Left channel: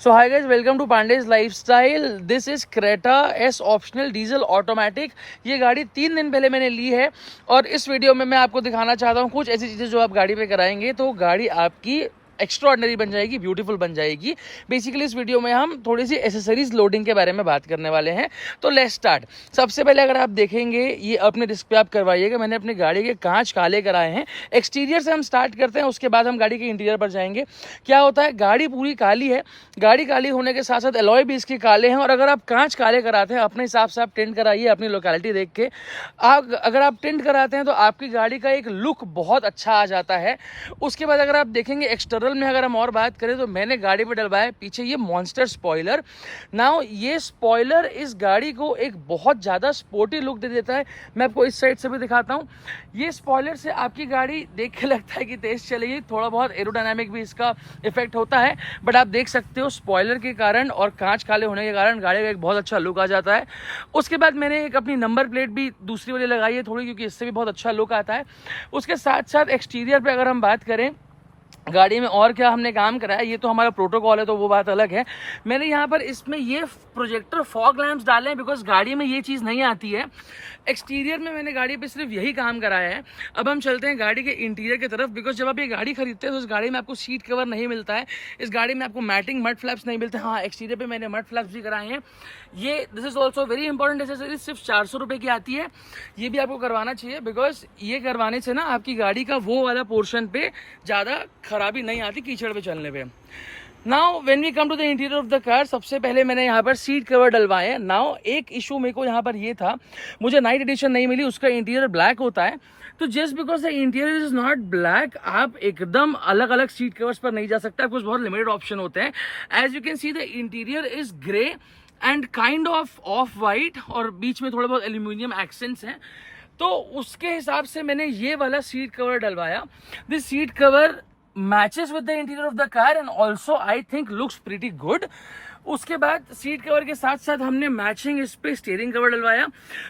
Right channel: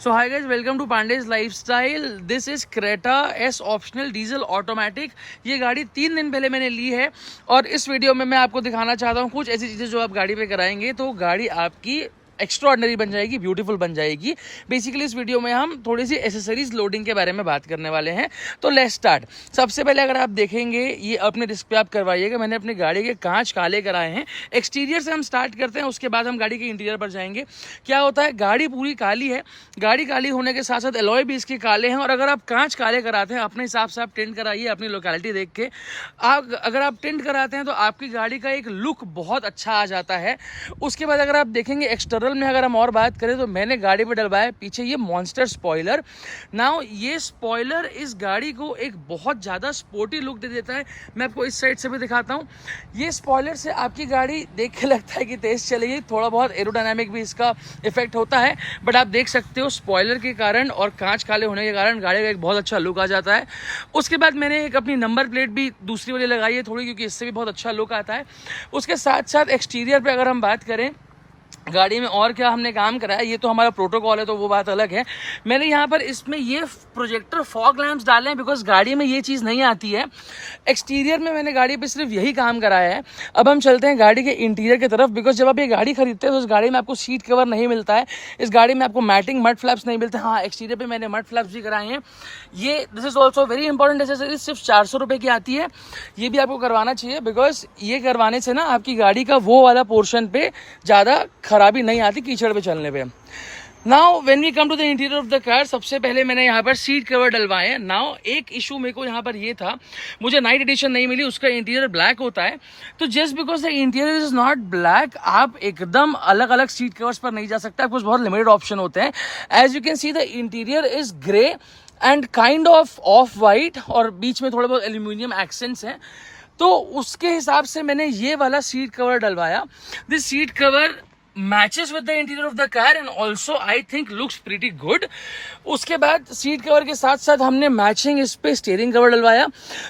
So hi guys, welcome to Pandey's Lifestyle. This is Creta S optional diesel automatic. ये गाड़ी 3 दिन पहले मैंने ली है और इस वीडियो में मैं आपको दिखाना चाहता हूँ कुछ ऐसी चीज़ें जो आप गाड़ी पे कराएंगे तो गाड़ी आपकी एक्स्ट्रा ऑर्डिनरी बन जाएगी, ब्यूटीफुल बन जाएगी। बेसिकली इस वीडियो में हम थोड़ी सी एसेसरीज लोडिंग के बारे में बात करने वाले हैं। तो लेट्स स्टार्ट। सबसे पहले अगर आप देखेंगे, ये अपने रिस्क पे आप करवाइएगा। मैंने अपनी गाड़ी के कांच काले कराए हैं। एक्सटीरियर से हम स्टार्ट करते हैं, उसके बाद हम गाड़ी के इंटीरियर पर जाएंगे। क्या होता है, गाड़ी पूरी काली है, गाड़ी काली होने के साथ साथ एलॉय भी इसके काले हैं। और अगर आप कांच काले कराते हैं, अपने हिसाब से आप टेंट कराइए, अपनी लोकेलिटी देख के। अगर आप टेंट कराते हैं तो आपकी गाड़ी का एक लुक बहुत अच्छा आ जाता है। उसके बाद अगर आप देखेंगे एक्सटर्नल में, अगर हम और बात करें तो मैंने गाड़ी पे डलवाया पीछे ये मॉन्स्टर स्पॉइलर। नाउ ये स्पॉइलर इस गाड़ी को एक बहुत ज़्यादा स्पोर्टी लुक दे देता है। मैं आपको इस साइड से भी दिखाता हूँ। ये स्पॉइलर से आपकी गाड़ी देख के लगता है कि तेज़ चलेगी, थोड़ा बहुत एरोडायनामिक भी इसका इफेक्ट होता है। बट आप देख सकते हो स्पॉइलर के कारण और कांच काले होने के कारण गाड़ी का एक बहुत अच्छा लुक आ जाता है। उसके बाद मैंने एक अपनी नंबर प्लेट भी दूसरी वाली लगाई है थोड़ी, क्योंकि इससे भी बहुत अच्छा लुक आता है। उसके साथ साथ एक्सटीरियर पे अगर हम बात करें, गाड़ी में और क्या हमने काम कराया, ये तो हमारा प्रोटोकॉल है तो वो बात अलग है। मैंने यहाँ पर इसमें ये प्रोजेक्टर फॉग लैंप्स डाले हैं, बिकॉज गाड़ी में ये चीज़ नहीं आती है। एक्सटीरियर में मैंने गाड़ी पे सिर्फ यही काम कराया है। अब हम चलते हैं गाड़ी के इंटीरियर की तरफ, बिकॉज जब आप ये गाड़ी खरीदते हैं तो इस गाड़ी में आपको सीट कवर नहीं मिलता है, इस गाड़ी में आपको मैटिंग मड फ्लैप्स नहीं मिलते। हाँ, एक्सटीरियर पे मैंने मड फ्लैप्स भी कराए हैं। ये this is also very important accessories, सिर्फ 400 रुपये की आती है। ये भी आपको करवाना चाहिए, बिकॉज ये करवाने से ना आपकी गाड़ी का वो वाला पोर्शन पे ज़्यादा खराबी नहीं आती कीचड़ पे चलने पे। Now when we come to the interior of the car, सबसे पहले मैंने यहाँ पर सीट कवर डलवाए हैं। नाउ एक इशू मेरे को यहाँ पर ये था, मुझे नाइट एडिशन नहीं मिली, उसका इंटीरियर ब्लैक होता है। तो just because the interior is not black, आप एकदम अलग अलग सीट कवर्स पर नहीं जा सकते। आपको बहुत लिमिटेड ऑप्शन होते हैं। As you can see the interior is grey and kind of white, और बीच में थोड़े बहुत एल्यूमिनियम एक्सेंट्स हैं। तो उसके हिसाब से मैंने ये वाला सीट कवर डलवाया। This seat cover matches with the interior of the car and also I think looks pretty good. उसके बाद सीट कवर के साथ साथ हमने मैचिंग इस पे स्टीयरिंग कवर डलवाया,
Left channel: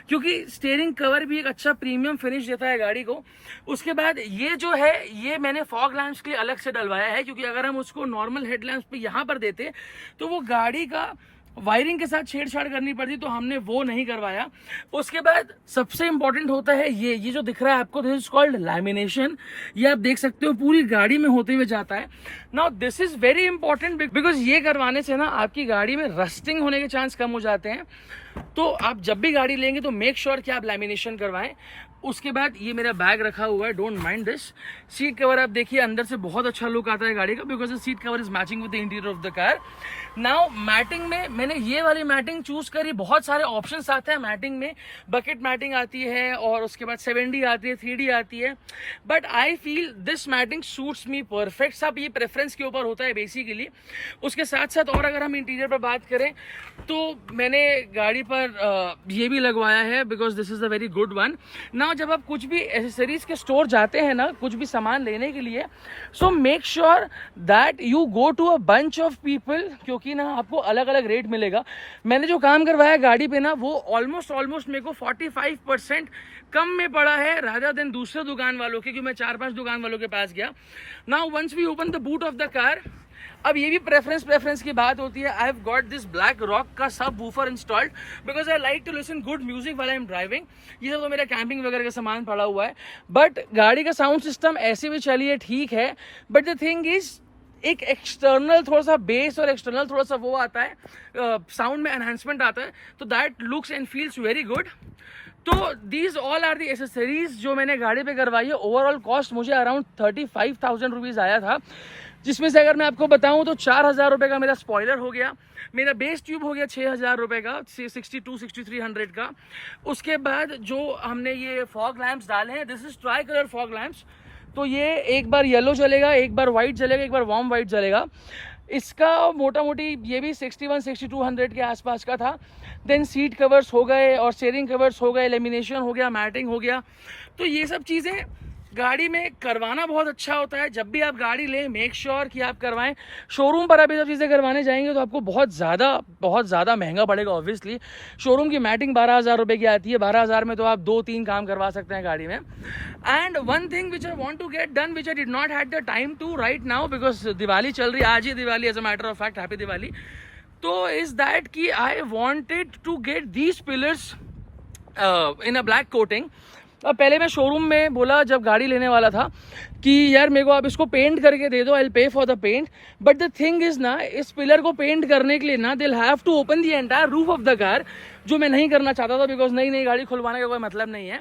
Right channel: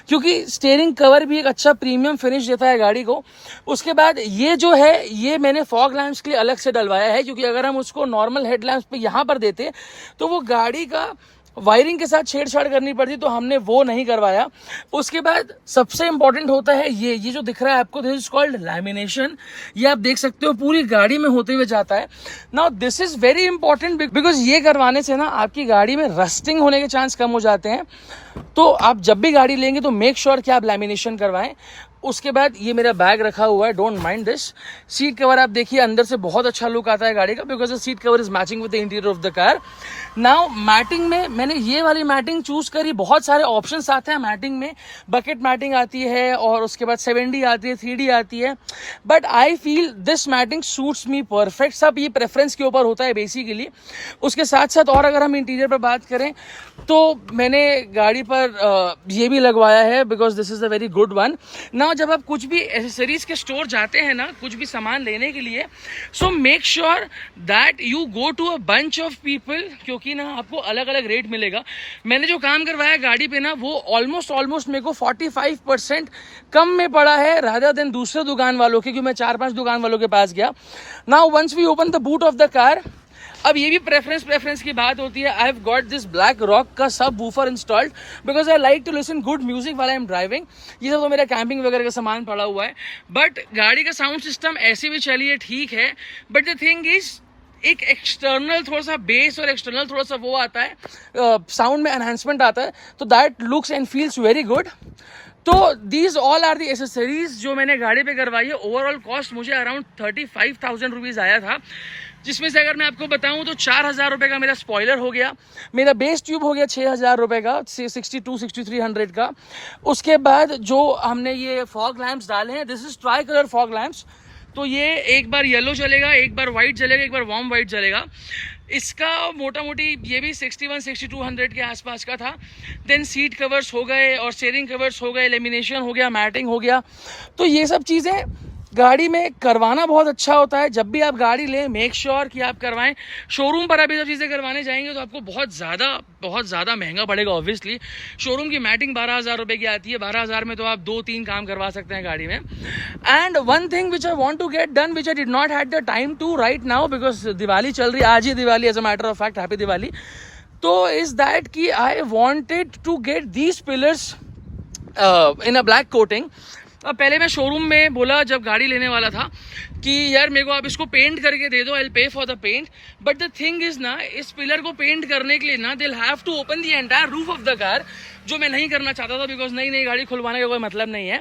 क्योंकि स्टीयरिंग कवर भी एक अच्छा प्रीमियम फिनिश देता है गाड़ी को। उसके बाद ये जो है, ये मैंने फॉग लैंप्स के लिए अलग से डलवाया है, क्योंकि अगर हम उसको नॉर्मल हेडलैम्प्स पे यहाँ पर देते तो वो गाड़ी का वायरिंग के साथ छेड़छाड़ करनी पड़ती, तो हमने वो नहीं करवाया। उसके बाद सबसे इंपॉर्टेंट होता है ये जो दिख रहा है आपको, दिस इज कॉल्ड लैमिनेशन। ये आप देख सकते हो पूरी गाड़ी में होते हुए जाता है। Now this is very important, because ये करवाने से ना आपकी गाड़ी में रस्टिंग होने के चांस कम हो जाते हैं। तो आप जब भी गाड़ी लेंगे तो मेक श्योर कि आप लैमिनेशन करवाएं। उसके बाद ये मेरा बैग रखा हुआ है, don't mind this. Seat cover आप देखिए, अंदर से बहुत अच्छा लुक आता है गाड़ी का, because the seat cover is matching with the interior of the car. Now matting में मैंने ये वाली मैटिंग चूज करी। बहुत सारे ऑप्शंस आते हैं मैटिंग में, बकेट मैटिंग आती है और उसके बाद 7D आती है, 3D आती है, but I feel this matting suits me perfect. सब ये प्रेफरेंस के ऊपर होता है बेसिकली। उसके साथ साथ और अगर हम इंटीरियर पर बात करें तो मैंने गाड़ी पर ये भी लगवाया है, because this is a very good one. ना जब आप कुछ भी एसेसरीज के स्टोर जाते हैं ना, कुछ भी सामान लेने के लिए, so make sure that you go to a bunch of people, क्योंकि ना आपको अलग अलग रेट मिलेगा। मैंने जो काम करवाया गाड़ी पे ना, वो ऑलमोस्ट मेरे को 45% कम में पड़ा है रादर देन दूसरे दुकान वालों के, क्योंकि मैं 4-5 दुकान वालों के पास गया। Now once we open the boot of the car, अब ये भी प्रेफरेंस की बात होती है। I have got this black rock का subwoofer installed, because I like to listen good music while I am driving. ये सब तो मेरा कैंपिंग वगैरह का सामान पड़ा हुआ है, बट गाड़ी का साउंड सिस्टम ऐसे भी चलिए ठीक है। बट द थिंग इज, एक एक्सटर्नल थोड़ा सा बेस और एक्सटर्नल थोड़ा सा वो आता है, साउंड में एनहांसमेंट आता है, तो that looks and feels very good. तो these all are the accessories जो मैंने गाड़ी पे करवाई है। ओवरऑल कॉस्ट मुझे अराउंड 35,000 रुपीज़ आया था, जिसमें से अगर मैं आपको बताऊं तो 4,000 रुपये का मेरा स्पॉइलर हो गया, मेरा बेस ट्यूब हो गया 6,000 रुपये का, 62-6300 का। उसके बाद जो हमने ये फॉग लैंप्स डाले हैं, this is try colour fog lamps. तो ये एक बार येलो चलेगा, एक बार वाइट चलेगा, एक बार वार्म वाइट चलेगा। इसका मोटा मोटी ये भी 61-6200 के आसपास का था। देन सीट कवर्स हो गए और स्टीयरिंग कवर्स हो गए, लेमिनेशन हो गया, मैटिंग हो गया। तो ये सब चीज़ें गाड़ी में करवाना बहुत अच्छा होता है। जब भी आप गाड़ी लें मेक श्योर कि आप करवाएं। शोरूम पर अभी जब चीज़ें करवाने जाएंगे तो आपको बहुत ज़्यादा महंगा पड़ेगा। ऑब्वियसली शोरूम की मैटिंग 12,000 रुपये की आती है। 12,000 में तो आप 2-3 काम करवा सकते हैं गाड़ी में। And one thing which I want to get done which I did not had the time to right now because Diwali चल रही है, आज ही Diwali, as a matter of fact happy Diwali. तो इज दैट कि I wanted to get these pillars in a black coating. अब पहले मैं शोरूम में बोला जब गाड़ी लेने वाला था कि यार मेरे को आप इसको पेंट करके दे दो, I will pay for the paint. But the thing is ना, इस पिलर को पेंट करने के लिए ना they'll have to open the entire roof of the car, जो मैं नहीं करना चाहता था बिकॉज नई गाड़ी खुलवाने का कोई मतलब नहीं है।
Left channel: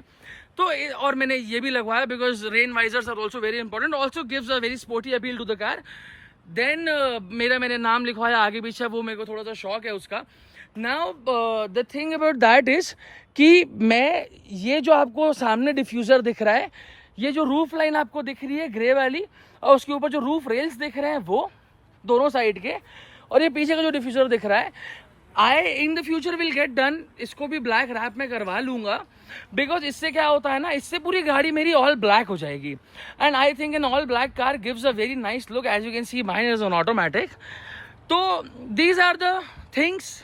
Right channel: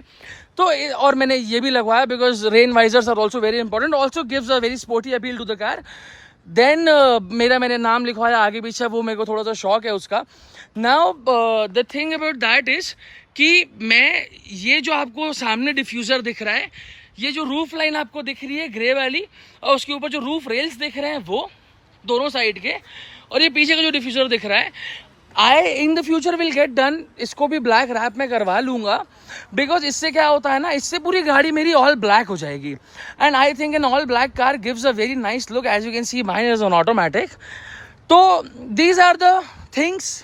तो और मैंने ये भी लगवाया because rain visors are also very important, also gives a very sporty appeal to the car. Then मैंने नाम लिखवाया आगे पीछे, वो मेरे को थोड़ा सा शौक है उसका। Now the thing about that is कि मैं ये जो आपको सामने डिफ्यूज़र दिख रहा है, ये जो रूफ लाइन आपको दिख रही है ग्रे वाली, और उसके ऊपर जो रूफ रेल्स दिख रहे हैं वो दोनों साइड के, और ये पीछे का जो डिफ्यूज़र दिख रहा है, I in the future will get done, इसको भी ब्लैक रैप में करवा लूँगा। बिकॉज इससे क्या होता है ना, इससे पूरी गाड़ी मेरी ऑल ब्लैक हो जाएगी। And I think an all black car gives a very nice look. As you can see mine is an automatic. तो दीज आर द थिंग्स,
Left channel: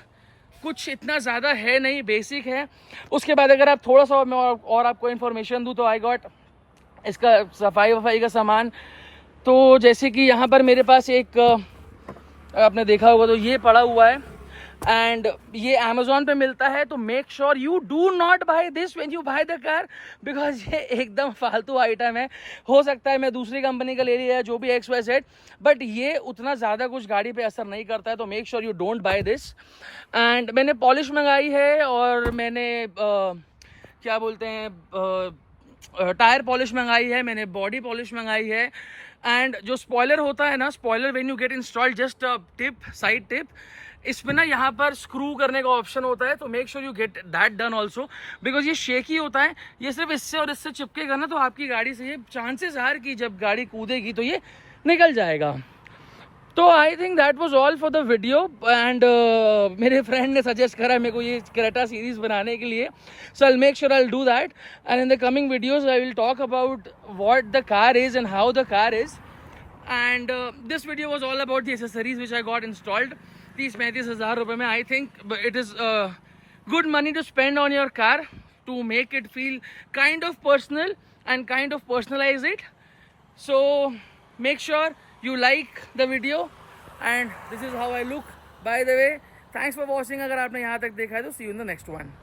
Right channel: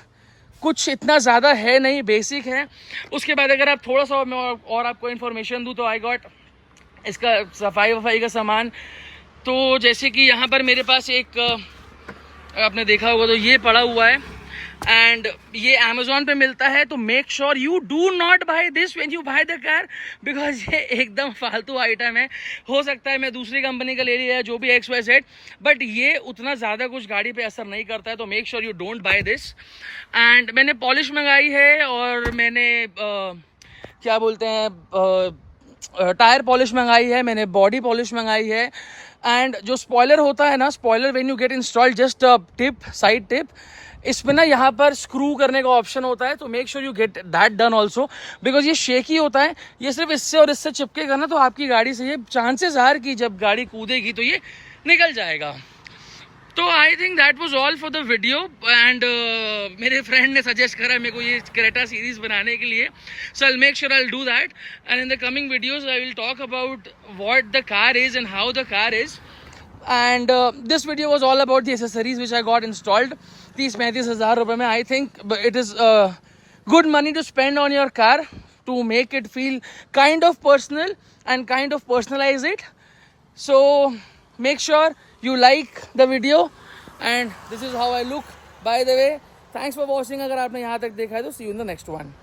कुछ इतना ज़्यादा है नहीं, बेसिक है। उसके बाद अगर आप थोड़ा सा मैं और आपको इन्फॉर्मेशन दूँ तो आई गॉट इसका सफाई का सामान। तो जैसे कि यहाँ पर मेरे पास एक आपने देखा होगा तो ये पड़ा हुआ है, एंड ये अमेजोन पे मिलता है। तो make sure you do not buy this when you buy the car, because ये एकदम फालतू आइटम है। हो सकता है मैं दूसरी कंपनी का ले लिया है, जो भी XYZ, बट ये उतना ज़्यादा कुछ गाड़ी पे असर नहीं करता है। तो make sure you don't by this. And मैंने पॉलिश मंगाई है, और मैंने क्या बोलते हैं टायर पॉलिश मंगाई है, मैंने बॉडी पॉलिश मंगाई है। एंड जो स्पॉयलर होता है ना, spoiler when you get installed just tip, side tip, इसमें ना यहाँ पर स्क्रू करने का ऑप्शन होता है। तो make sure you get that done also, because ये शेकी होता है। ये सिर्फ इससे और इससे चिपकेगा ना तो आपकी गाड़ी से ये चांसेस आर कि जब गाड़ी कूदेगी तो ये निकल जाएगा। तो I think that was all for the video. And मेरे फ्रेंड ने सजेस्ट करा मेरे को ये क्रेटा सीरीज बनाने के लिए, so I make sure I do that. And in the coming videos I will talk about what the car is and how the car is. And this video was all about the accessories which I got installed. 30-35,000 रुपए में, I think it is good money to spend on your car to make it feel kind of personal and kind of personalize it. So make sure you like the video, and this is how I look, by the way. Thanks for watching. अगर आपने यहाँ तक देखा है तो see you in the next one.